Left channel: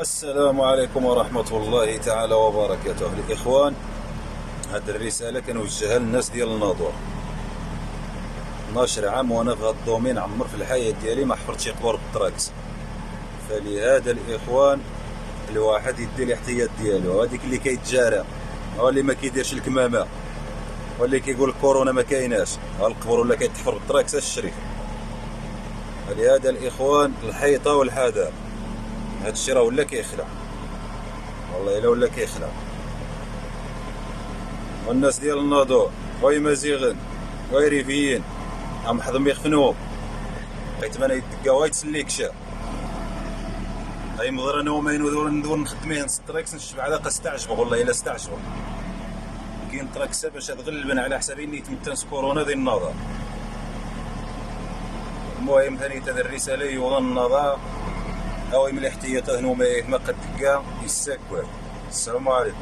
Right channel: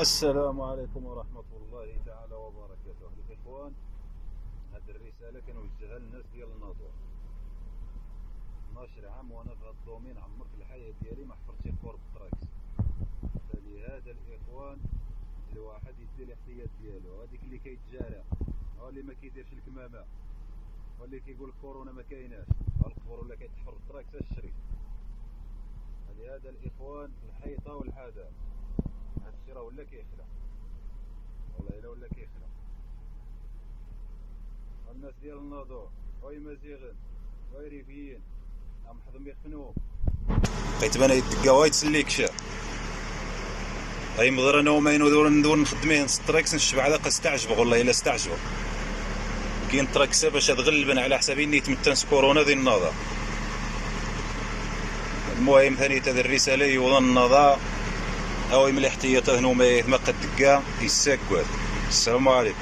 السلام عليكم ورحمة الله تعالى وبركاته الإخوان. هذه الرسالة كنوجهها للناس ديال الناظور. 12 عام وأنا في هذا الدومين، عمر في الحياة ديالي ما حفرت شي قبر بالتراكس. فلهذا الإخوان الواحد يدي الاحتياط ديالو. هذيك اللي كيتجارى، هو اللي ما كيديرش الكمامة، واللي كيقول الكورونا ما كايناش، ها القبر ولا كيتحفر بالتراكس الشريف. فلهذا الإخوان الحيطة والحذر. هذا الشيء راه ولا كيخلع، والله الا ولا كيخلع. والناس ديال الناظور وي مزيغن وي ريفيين عم حضم يخفنوهم، بقيت انا يدقاو يتسليك شا غيمضر انا وما ندور نخدميه نستريكس نشبع على استعجبوا، والله الا استعجبوا. كاين تراكسه باش تغلبن على حسابي نيت متنس كورونا ذي النظر. المهم ثاني هذه الرساله يوضن النظر او من الاحتياطات هنوما ما قد دقا يساكوا. السلام عليكم.